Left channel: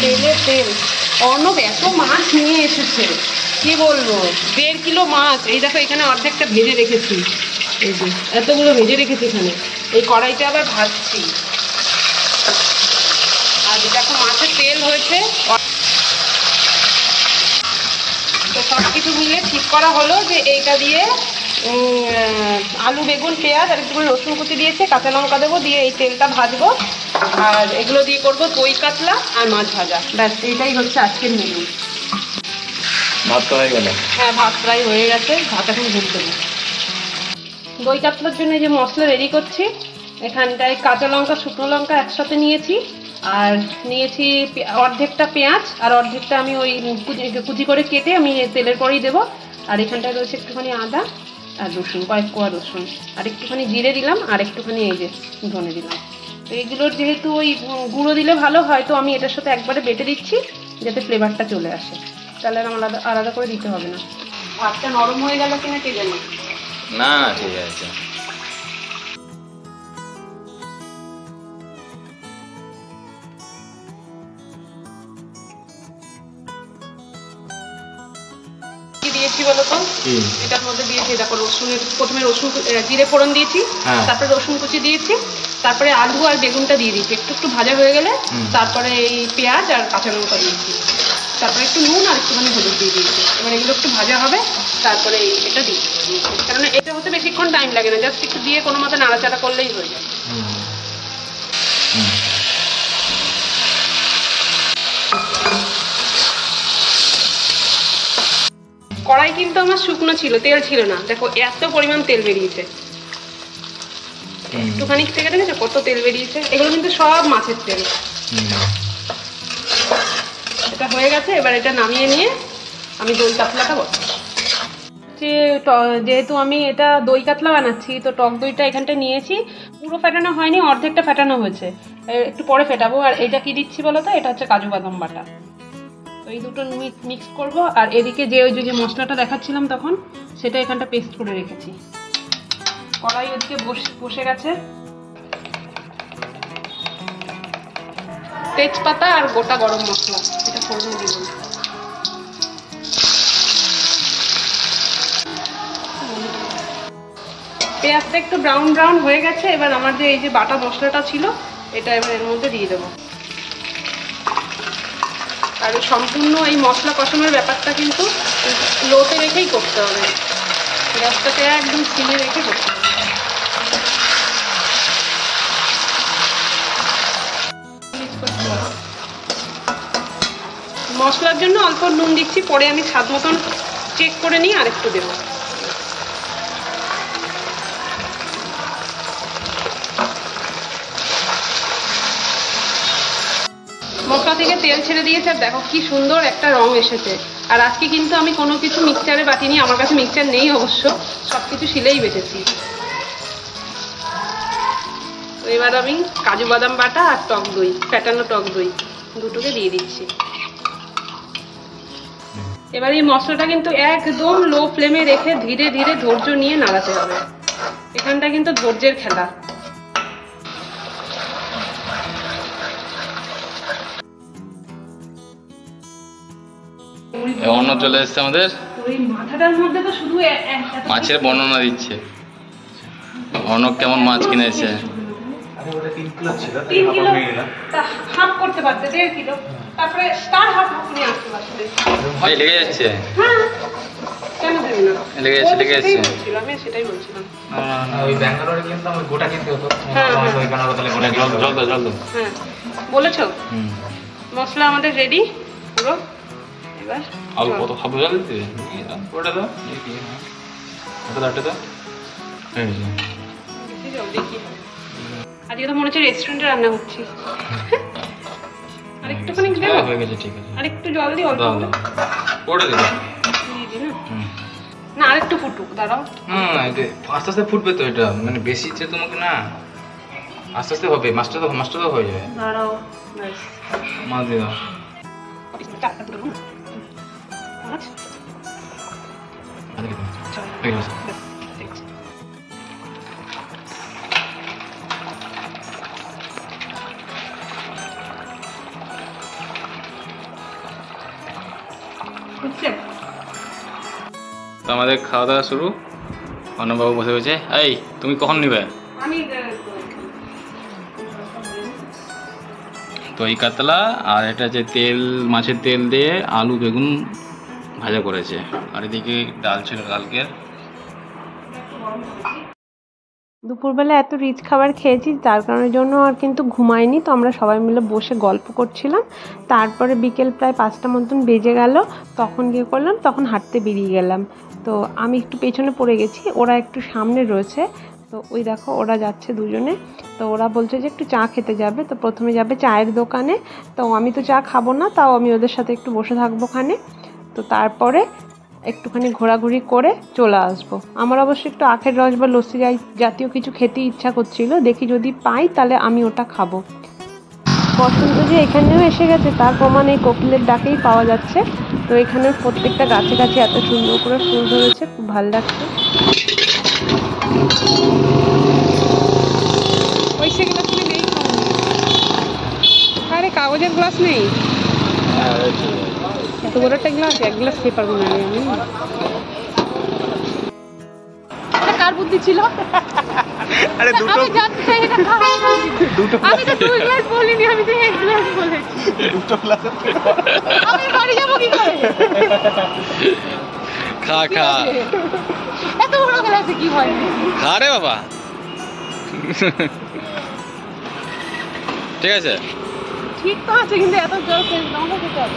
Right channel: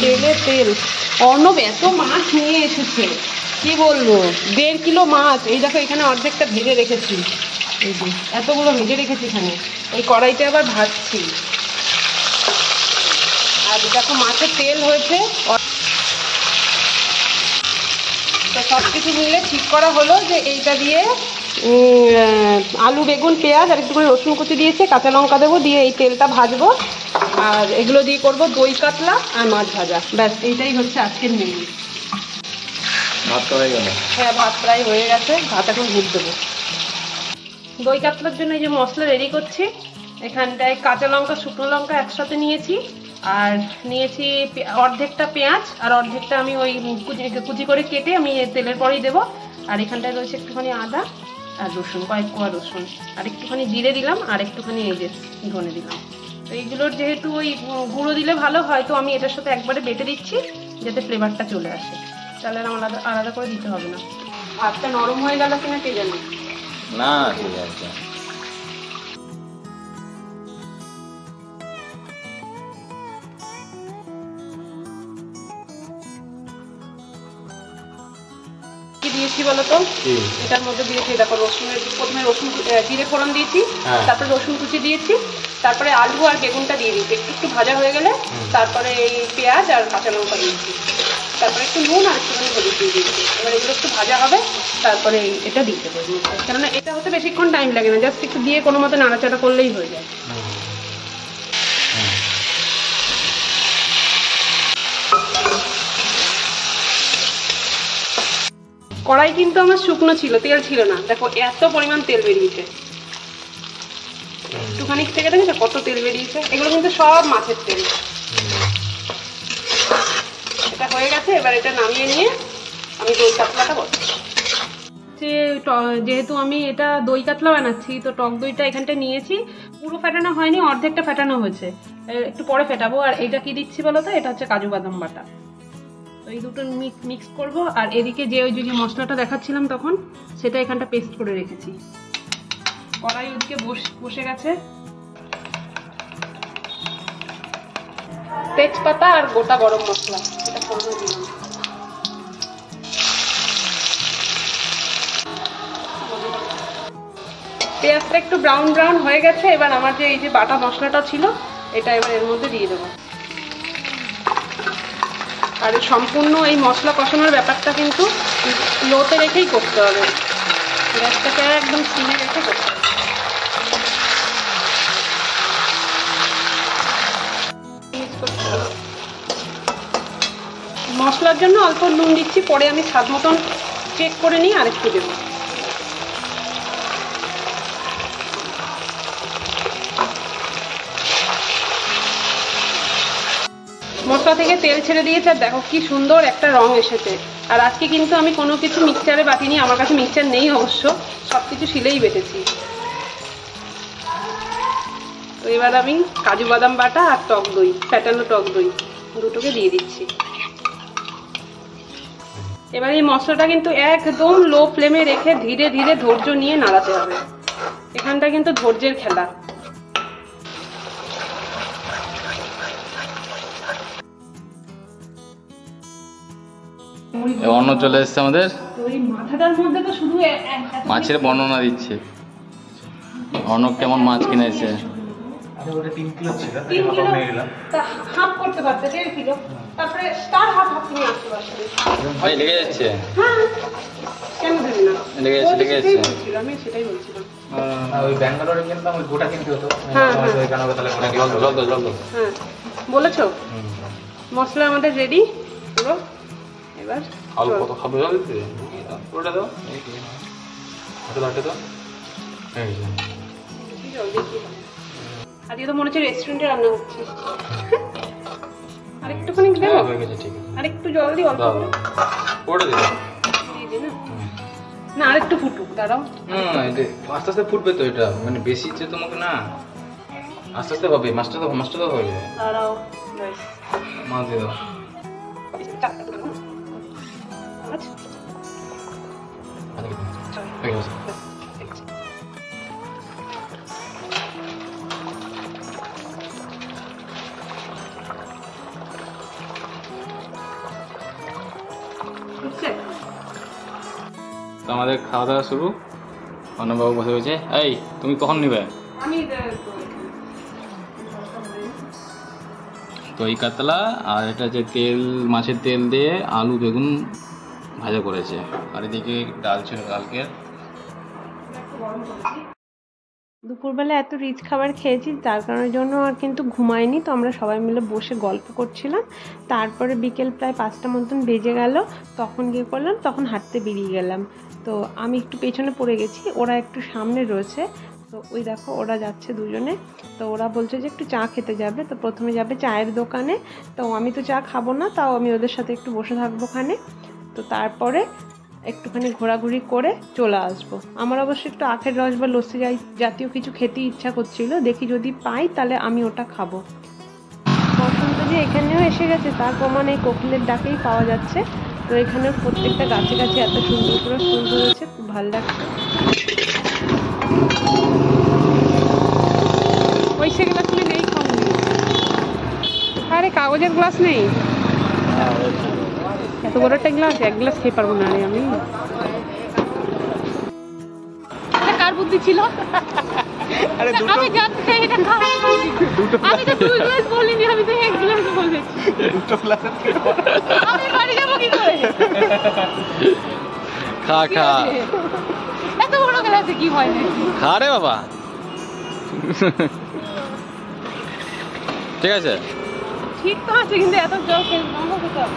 তেলে তেল। অর্ণব এত মাছ নিয়ে এসেছে, কি বলবো, 1.5 কিলো মাছ। এই দেখো এখানে অর্ধেকটা ভেজে রেখেছি, এই যে এতগুলো ভেজে রেখেছি এখানে। এই কড়াইতে আবার ভাজছি। আর দেখো মাছের তেল হয়েছে। তো সব কিছু মিলে ঠিক করা হলো যে এইটা দিয়ে আলু, বেগুন, পেঁয়াজ আর একটু রসুন কুচি দিয়েছে, কাঁচা লঙ্কা দেবো, দিয়ে এই তেলটা ভাজবো। আর এগুলো দিয়ে করবো দই কাতলা আর মাছ ভাজা। ব্যাস, এইটাই হচ্ছে আজকের মেনু। ভাত হয়ে গেল? হ্যাঁ, ভাত প্রায় হয়ে গেছে, ভাত এখন ভুট দেবো। দই কাতলার জন্য এই যে মশলা রেডি করছি। এখানটায় কাঁচা লঙ্কা, শুকনো লঙ্কা একসাথে নিয়েছি, আর নিয়েছি অর্ধেকটা পেঁয়াজ, আর অর্ধেকটা আমি ওই কুচি করে কেটে আমি তেলের পরেই দেবো। আর এখানটায় রয়েছে একটুখানি আদা আর রসুন, কয়েক কোয়া রসুন, আর একটুখানি জিরে দিলাম, আর একটুখানি এই যে ধনে দিলাম। তো এইগুলোর যেহেতু ওই গুঁড়ো দিলে ভালো হয়, তো আমি এটার সাথে একবারে বেটে দিচ্ছি যাতে ফ্লেভারটা চলে আসে। তাহলে আর আলাদা আলাদা করে দিতে হবে না। ভাতটা নরম হয়ে গেল কিনা কে জানে। না, ঠিক আছে। দিয়েছি বলতো, এটার মধ্যে দিয়েছি দেখো রসুনের, প্রথমে রসুন জিরে ফোড়ন দিয়েছি, তারপরে রসুন কুচি দিয়েছি, তারপরে আলু আর বেগুনটা দিয়ে দিয়েছি। একটু একটু ভাজা হয়ে গেলে তারপরে এই পেঁয়াজ আর কাঁচা লঙ্কা দিয়েছি, তারপরে একটু নুন আর একটুখানি হলুদ দিয়ে দিয়েছি। এবার এগুলো একটু ভাজা হবে, তারপরে এটা দিয়ে দেবো। কেননা এটা হতে বেশিক্ষণ টাইম লাগে না, জাস্ট একটু দিয়ে কোনো মতো নাড়াচাড়া করলেই হয়ে যায়। কড়াই কিন্তু আমার শুকনো ছিল, তেল ছিল না। দেখো এত পরিমাণ তেল বেরিয়েছে, একটুখানি থেকে দেখেছো কত তেল বেরিয়েছে। এগুলো কিন্তু সব মাছের তেল। এটা হয়ে গেছে, এবার এটা নামিয়ে নিয়ে আমি দই কাতলাটা বসাবো। যেহেতু আমি এটা দই কাতলা বানাচ্ছি, তো টক দইটা এখানটায় নিয়েছি। পুরো ফেটানো হয়নি, অর্ধেকটা ফেটানো হয়েছে, একটু পরে ফেটাবো। আর এটা কি দিচ্ছি বলো তো, এটা হচ্ছে কাজু বাদাম বাটা। তো এই দুটো মিক্স করবো। আর এদিকে যে ওই যে মশলাটা দেখাচ্ছিলাম তখন, সেটা এখানটা পেস্ট করে রেখেছি। কড়াই ওদিকে বসে গেছে। তেজপাতা আর গোটা গরম মশলা এটা ফোড়ন দিব। পেঁয়াজটা একটু ব্রাউন ব্রাউন হয়ে গেছে। এবার আমার যে এই যে বাটা মশলাটা ছিল, এটা এবার এর মধ্যে দিয়ে দেবো। আর সম্পূর্ণ এই মশলা কষানোর ব্যাপারটা কিন্তু লোতে রেখেই করতে হবে, গ্যাসটাকে একদম সিমে রেখে করতে হবে। মশলার জন্য অল্প নুন দিচ্ছি, পরে আমি স্বাদ মতন চেক করে নিয়ে আরেকটু দেবো। মশলা থেকে তেল ছেড়ে দিয়েছে, আর দেখো কি সুন্দর একটা রং এসেছে। আর আজকে কিন্তু আমি কোনো কিছু মিক্সচারে বাটিনি, আমার কাছে মিক্সচার নেই অবশ্য, সবকিছু শিলেই বেটেছি। এবার আমি কাজু বাদাম বাটা আর টক দই, ফ্যাটানো টক দই দুটোকে দিয়ে দিচ্ছি। এবার এই মশলাটা কিন্তু একদম লো ফ্লেমে রেখে ধীরে ধীরে ধৈর্য নিয়ে নাড়াতে হবে। এখানটা কিন্তু ধৈর্যের খেলা। অন্য চলে এসছে আমাদের। ওই মাথাটার মধ্যে তো শুধু মাছের বর্ণনা দিচ্ছে। অন্য কেমন মাছ কিনেছে? 3 কিলো ছিল, 3 কিলো হাফ করতে পারতে, 1.5 কিলো, তারপরে তার হাফ নিয়ে আসতে পারতে। ভাই লেগে যাচ্ছে। হ্যাঁ, কেন দেবে না, লেগে যাচ্ছে। আমি সেটাই বলছিলাম। ওই ব্যাঙ্গালোরে কিন্তু আমি গোটা কিনতে হতো। ওইখানে তাহলে গোটা জল দাও। হ্যাঁ, বলেছো। মশলা আমাদের রেডি পুরো। এবার আলু কত খাবে জল দিতে? ওটা দাও, ওটা দাও। আজকে তো মনে হচ্ছে রেস্টুরেন্টে রান্না হচ্ছে। আরেকটুখানি হয়ে গেছে, ঠিক আছে। আরেকটু জল দিই, অল্প করে দিও। না, আরেকটু ফুটুক, দাঁড়াও। আস্তে আস্তে ফুটবে তো, এটা মানে বেশি তোমাকে না, আস্তে আস্তে হবে। মাছটা তো হয়ে যায়। দাঁড়াও, মাছ দিয়ে দাও। বুঝছে? তো আমাদের খাওয়া দাওয়া শুরু। অর্ণববাবু বসে রয়েছে। এই তুমি কখন নিবে? আমি তো এই কাতলা আর এটা যে তেল, মাছের তেল দিয়ে আলু বেগুন ভাজা করেছে, আর এদিকে ডাল ছিল কালকের। দুপুরবেলা এত রিচ খাবার খেয়েছি, তার কারণের জন্য আর কিন্তু ঘুমাইনি। তো আমরা সবাই মিলে বসে গল্প করছিলাম। তারপরে বিকেল প্রায় 5টা মতন বেজে গেল, তখন গিয়ে করলাম, তখন হাঁটতে বেরিয়ে গেলাম। তো আমি একটু পেছনে পড়ে গেছি, ওরা একটু সামনে রয়েছে। তো ওই দেখো ওরা যাচ্ছে দুজনে। তো ওরা বলছে যে একটু চা খেতে যাবে, তো প্রথমে যাবে চায়ের দোকানে। তো আমি তো চা খাবো না, তাও আমি ওদের সাথে একটু বসে থাকবো ওখানে। তো তারপরে একটুখানি ঘোরাঘুরি করে চলে আসবো। আমার অবশ্য একটু আখের রস বা লস্যি জাতীয় কিছু খেতে ইচ্ছা করছিল, দেখি যদি পাই তাহলে আমি ওটা খাবো। বসন্ত যে এখানেও এসে গেছে তার প্রমাণ এই কোকিলের ডাকেই পাওয়া যাচ্ছে। তো এখানে প্রত্যেকটা গাছে গাছে এত সুন্দর করে ফুল ধরেছে, খুব ভালো লাগছে। পয়সা গ্লাস নেই, আরে কাগজের গ্লাস নেই, এত বড় একটা গ্লাস, এক গ্লাস খেয়ে পারবো না রে আমি। কার বুদ্ধি ছিল? আরে দুটো আমি জানতে এটা খাওয়া দুটো আমি তো দুই গ্লাস বলিনি, আমি তো এক গ্লাস বলেছি। দুটো গ্লাস আমি বাড়ি যাবো কি করে? খা খা, এত বড় গ্লাসে কি হয় নাকি? খা রে বাবা। ঠিক আছে, ঠিক তো আছে, কিন্তু এত জল খেয়ে খেতে হবে।